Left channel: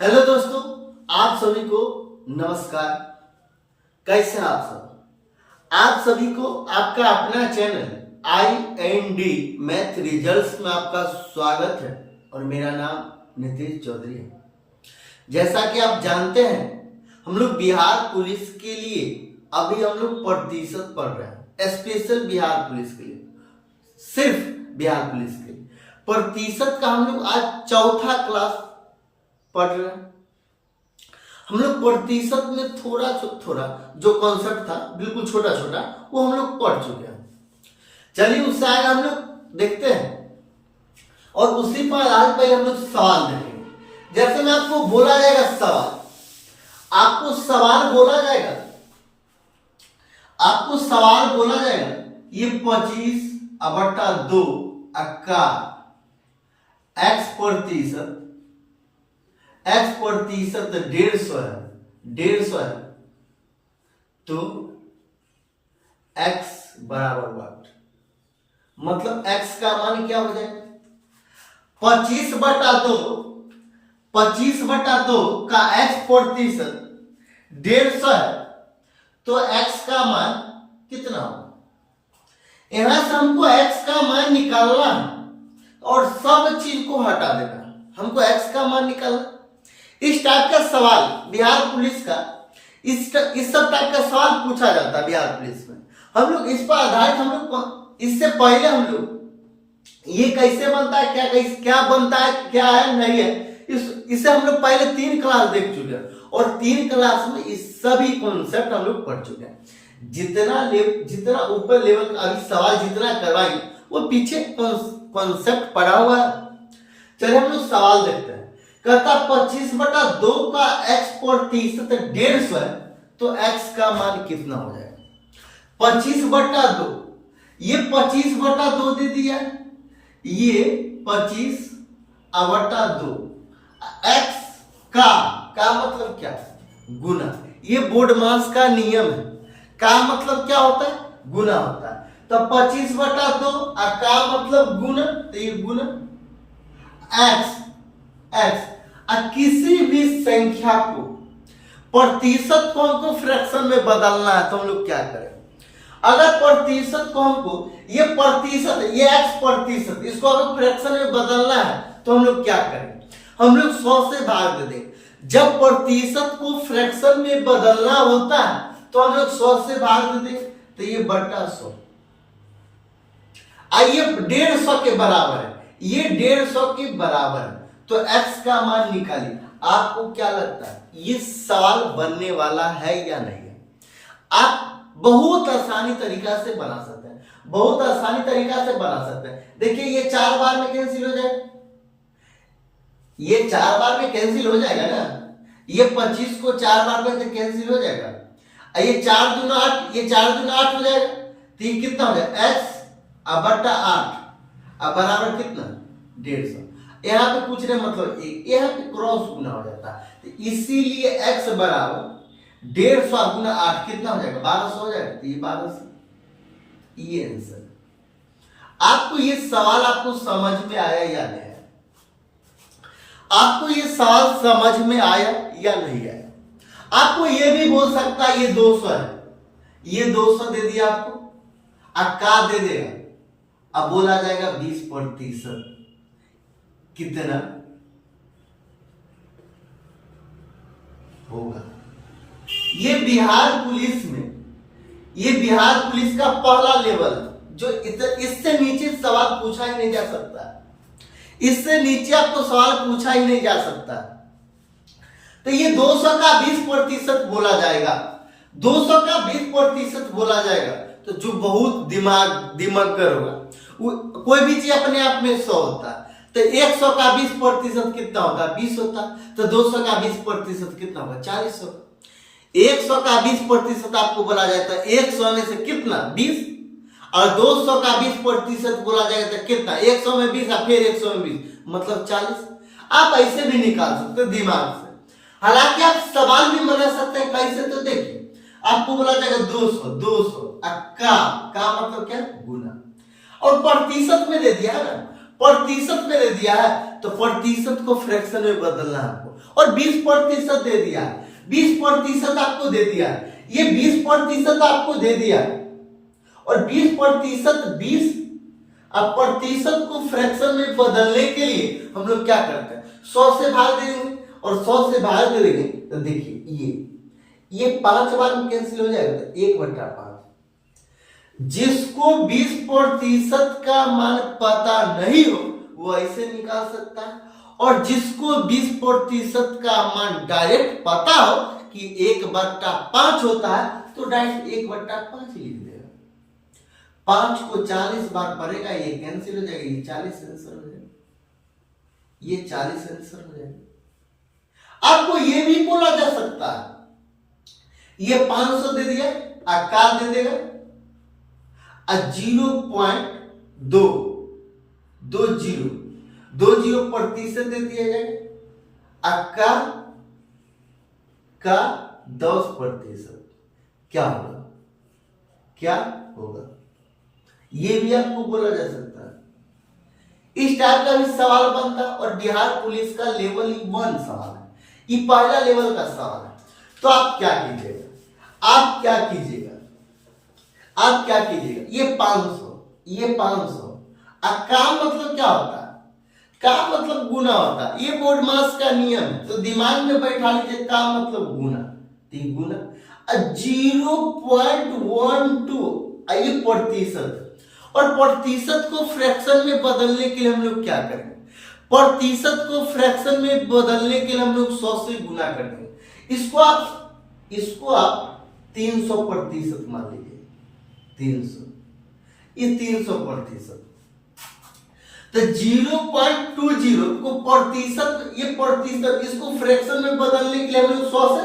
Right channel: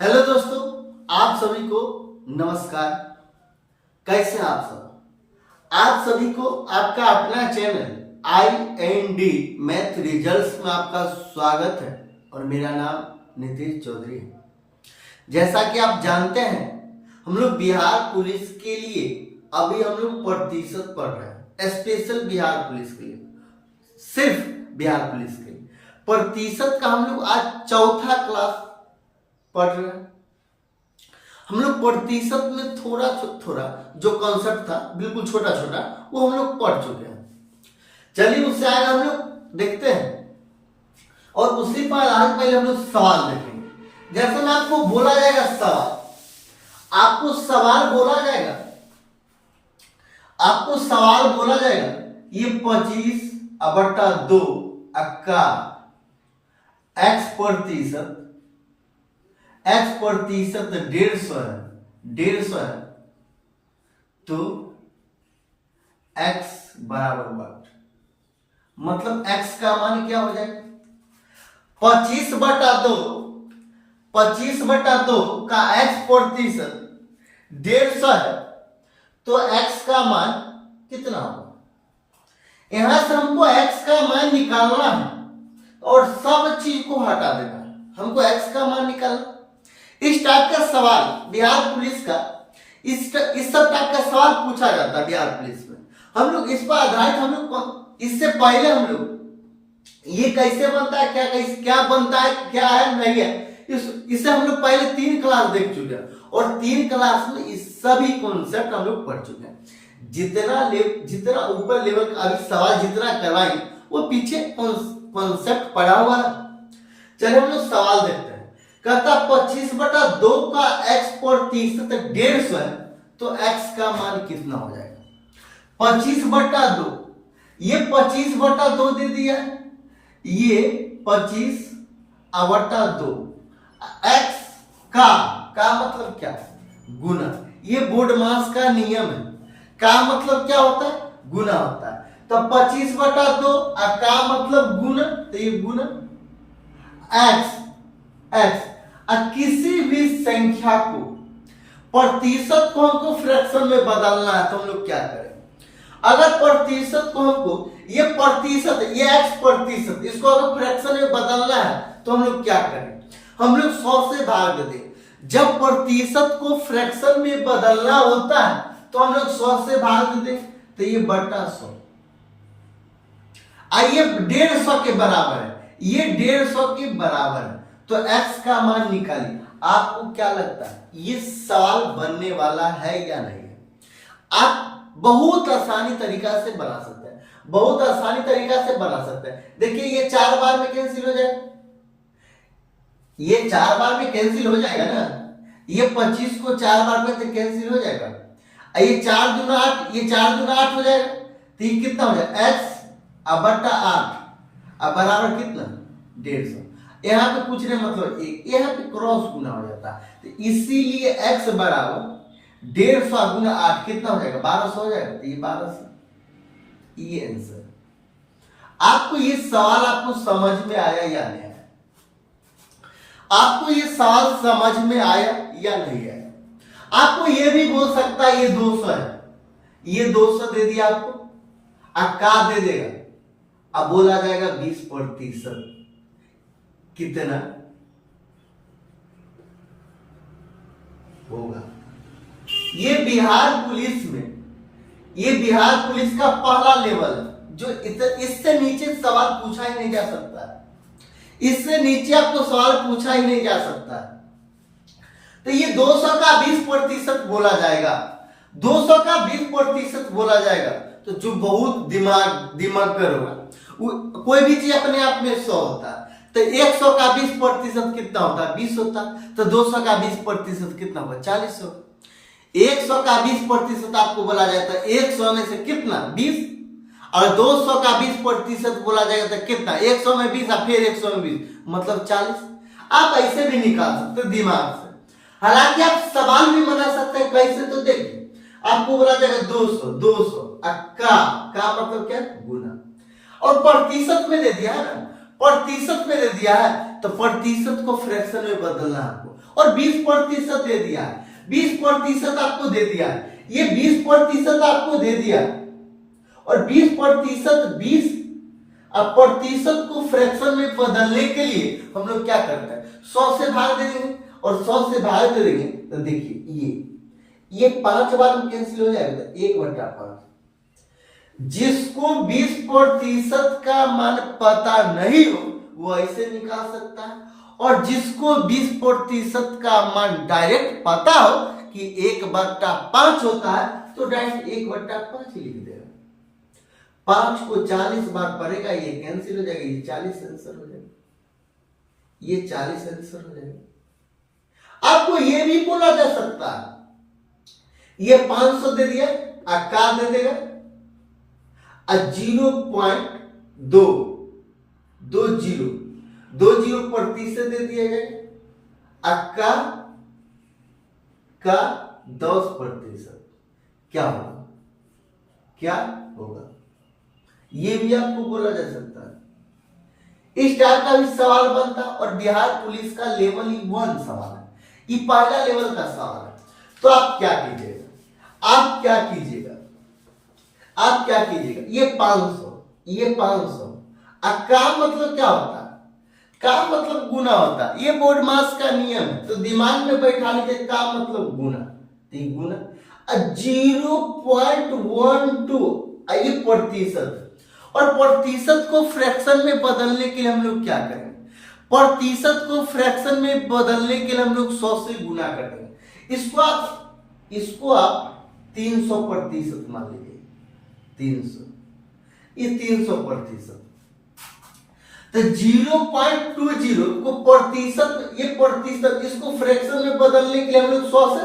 Hello दोस्तों, आप सभी को नमस्कार। कैसे हैं आप सब? आप सभी को आपका अपना चैनल IND मैथ रिजल्ट्स में आपका स्वागत है और मेरा नाम नीतीश चौधरी है। जैसा कि आप जानते हैं, हम लोग बिहार पुलिस के लिए अभी हम लोग प्रतिशत पढ़ रहे हैं। स्पेशल बिहार पुलिस के लिए, सिर्फ बिहार पुलिस के लिए प्रतिशत का हम लोग आज चौथा क्लास पढ़ रहे हैं। हम लोग प्रतिशत में थोड़ा जो कॉन्सेप्ट था बिल्कुल छोटा छोटा वो हम लोग पढ़ चुके हैं। चलिए उससे आगे हम लोग देखते हैं और उसी पर आगे पहले हम लोग सवाल देखेंगे। जैसे मैं आपको बोला जाएगा सवाल, आपको सवाल बोला जाएगा ये 25/2 का x प्रतिशत 150 है तो x बराबर व्हाट, मतलब x का मान क्या हो जाएगा? 25/2 का x प्रतिशत 150 है तो x का मान कितना होगा? यहां से हमको x का मान निकालना है और सब चीज को हटा देना है। हमको x का मान निकालना। इस टाइप का सवाल बिहार पुलिस का इस सब टाइप का सवाल पूछा जाता है बिहार पुलिस में। हम लोग इस पर आधारित हम लोग इससे पहले हम लोग ये कैसे बनता है, क्या बनता है, क्या है नहीं है, इसे हम लोग पहले 3 क्लास देख चुके हैं और 3 क्लास में इस सभी कॉन्सेप्ट हम लोग पढ़ चुके हैं। जितना ऊपर लेवल का अभी सवाल जितना करवाएंगे वो पीछे कॉन्सेप्ट पढ़ा हुआ है। चलिए हम लोग सवाल देखते हैं। कहता 25/2 का x प्रतिशत 150 है तो x का मान कितना हो जाएगा? 25/2, ये 25/2 दे दिया, ये 25/2 x का मतलब क्या है? गुना। ये बोर्ड मास का नियम है। का मतलब क्या होता है? गुना होता है। तो 25/2 का मतलब गुना, तो ये गुना x किसी भी संख्या को प्रतिशत को हमको फ्रैक्शन में बदलना है तो हम लोग क्या करें? अगर प्रतिशत को हमको ये प्रतिशत ये x प्रतिशत इसको अगर फ्रैक्शन में बदलना है तो हम लोग क्या करें? हम लोग 100 से भाग दे दें। जब प्रतिशत को फ्रैक्शन में बदलना होता है तो हम लोग 100 से भाग दे दें तो ये बटा 100, ये 150 के बराबर है, ये 150 के बराबर है तो x का मान निकालिए। आपको क्या लगता है ये सवाल बनने वाला है या नहीं है? आप बहुत आसानी तरीका से बना सकते हैं, बहुत आसानी तरीका से बना सकते हैं। देखिए ये 4 बार में कैंसिल हो जाएगा, ये 4 बार में कैंसिल हो जाएगा ना। ये 25 को 4 बार में कैंसिल हो जाएगा। ये 4 दूना 8, ये 4 दूना 8 हो जाएगा तो ये कितना हो जाएगा? x बटा 8 बराबर कितना? 150। यहाँ पे कुछ नहीं मतलब एक, यहाँ पे क्रॉस गुना हो जाता है तो इसीलिए x बराबर 150 गुना 8 कितना हो जाएगा? 1200 हो जाएगा। तो ये 1200 ये आंसर। आपको ये सवाल आपको समझ में आया या नहीं आया? आपको ये सवाल समझ में आया या नहीं आया? आपको ये भी बोल सकता है ये 200 है, ये 200 दे दिया आपको, का दे देगा। अब बोला जाएगा 20% कितना होगा? ये बिहार पुलिस का पहला लेवल जो इससे नीचे सवाल पूछा ही नहीं जा सकता, इससे नीचे आपको सवाल पूछा ही नहीं जा सकता। तो ये 200 का 20% बोला जाएगा, 200 का 20% बोला जाएगा तो जो बहुत दिमागर होगा, कोई भी चीज अपने आप में 100 होता है तो 100 का 20% कितना होगा? 20 होता। तो 200 का 20% कितना होगा? 40 होगा। 100 का 20% आपको बोला जाता है 100 में से कितना? 20। और 200 का 20% बोला जाएगा तो कितना? 100 में 20 और फिर 100 में 20 मतलब 40। आप ऐसे भी निकाल सकते हैं दिमाग से। हालांकि आप सवाल भी बना सकते हैं कैसे, तो देखिए आपको बोला जाएगा 200 का मतलब क्या? गुना। और प्रतिशत में दे दिया है ना, प्रतिशत में दे दिया है तो प्रतिशत को फ्रैक्शन में बदलना है आपको। और 20% दे दिया, 20% आपको दे दिया, ये 20% आपको दे दिया और 20% को फ्रैक्शन में बदलने के लिए हम लोग क्या करते हैं, 100 से भाग दे देंगे और 100 से भाग दे देंगे तो देखिए ये 5 बार में कैंसिल हो जाएगा, 1/5। जिसको 20% का मान पता नहीं हो वो ऐसे निकाल सकता है, और जिसको 20% का मान डायरेक्ट पता हो कि 1/5 होता है तो डायरेक्ट 1/5 लिख देगा। 5 को 40 बार पढ़ेगा, ये कैंसिल हो जाएगा, ये 40 आंसर हो जाएगा, ये 40 आंसर हो जाएगा। आपको ये भी बोला जा सकता है, ये 500 दे दिया, क्या दे देगा, 0.220% दे दिया जाए, का 10% क्या होगा, क्या होगा, ये भी आपको बोला जा सकता है। इस टाइप का भी सवाल बनता है और बिहार पुलिस का लेवल 1 सवाल है, ये पहला लेवल का सवाल है। तो आप क्या कीजिएगा, ये 500 का मतलब क्या होता है, का मतलब गुना होता है, ये बोर्ड मास का नियम है, तो दिमाग में बैठा लीजिए, का मतलब गुना, गुना 0.12 ये प्रतिशत, और प्रतिशत को फ्रैक्शन में बदलने के लिए हम लोग क्या करेंगे, प्रतिशत को फ्रैक्शन में बदलने के लिए हम लोग 100 से गुना कर देंगे। इसको आप 300% मान लीजिए, 300, ये 300%, तो 0.20 को प्रतिशत, ये प्रतिशत, इसको फ्रैक्शन में बदलने के लिए हम लोग 100 से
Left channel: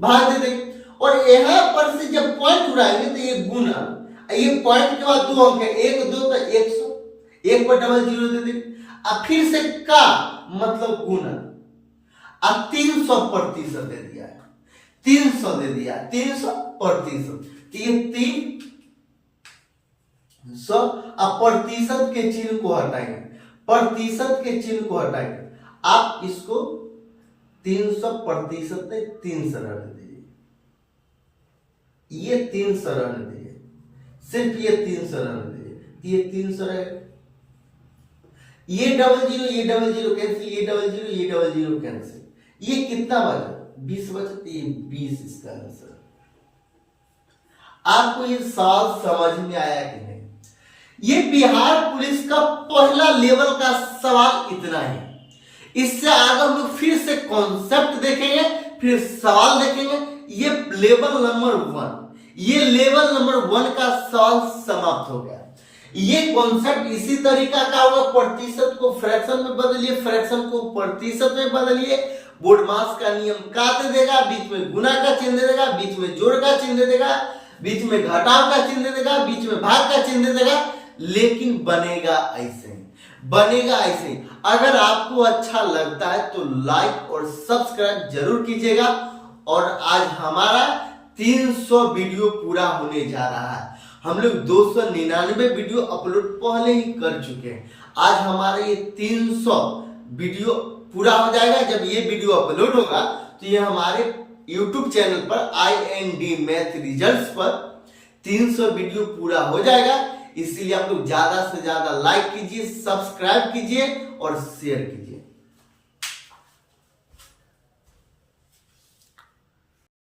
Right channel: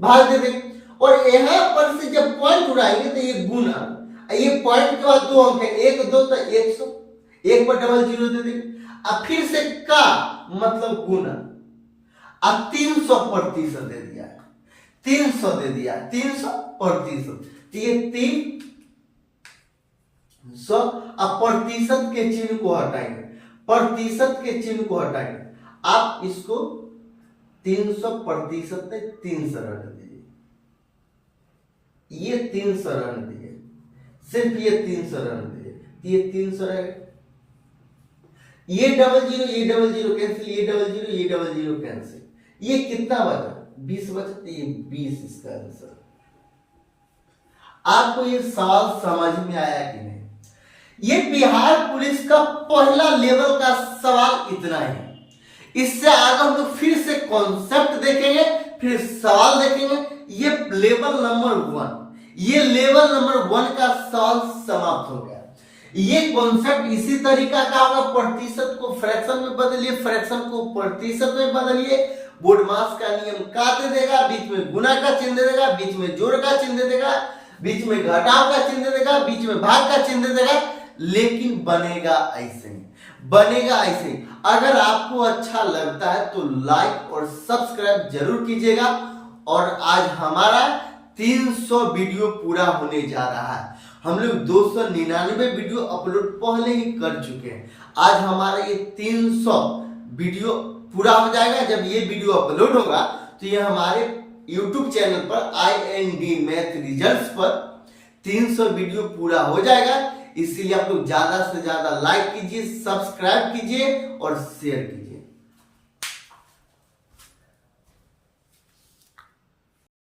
भाग दे देंगे, और यहां पर से जब पॉइंट उड़ाएंगे तो ये गुना, ये पॉइंट के बाद 2 अंक है, 1 2 तो 100, 1/00 दे देंगे, अब फिर से का मतलब गुना, अब 300% दे दिया, 300 दे दिया, 300%, तो ये 300, अब प्रतिशत के चिन्ह को हटाएंगे, आप इसको 300% में 300 रहने दीजिए, ये 300 रहने दीजिए, सिर्फ ये 300 रहने दीजिए, ये 300 रहेगा, ये 00 कैंसिल, ये 00 कैंसिल, ये कितना बचा, 20 बचा, तो ये 20 इसका आंसर। आपको ये सवाल समझ में आया कि नहीं? ये बिहार पुलिस का पहला लेवल का सवाल इतना ही। इससे आगे हम लोग फिर से कॉन्सेप्ट देखेंगे, फिर सवाल देखेंगे। ये लेवल नंबर 1, ये लेवल नंबर 1 का सवाल समाप्त हो गया। ये कॉन्सेप्ट इसी तरीका का होगा, प्रतिशत को फ्रैक्शन में बदलिए, फ्रैक्शन को प्रतिशत में बदलिए, बोर्ड मास का नियम का दे देगा, बीच में गुना का चिन्ह दे देगा, बीच में जोड़ का चिन्ह दे देगा, बीच में घटाव का चिन्ह दे देगा, बीच में भाग का चिन्ह दे देगा, लेकिन बनेगा ऐसे ही। अगर आपको अच्छा लगता है तो लाइक और सब्सक्राइब जरूर कीजिएगा। और आज हमारा 300 वीडियो पूरा होने जा रहा है। हम लोग 299 वीडियो अपलोड पहले ही कर चुके हैं। आज हमारा ये 300 वीडियो पूरा हो जाएगा। जब ये वीडियो अपलोड होगा तो ये हमारे YouTube चैनल पर IND मैथ रिजल्ट्स पर 300 वीडियो पूरा हो जाएगा। इसीलिए आप लोग ज्यादा से ज्यादा लाइक कीजिए, सब्सक्राइब कीजिए और शेयर कीजिए।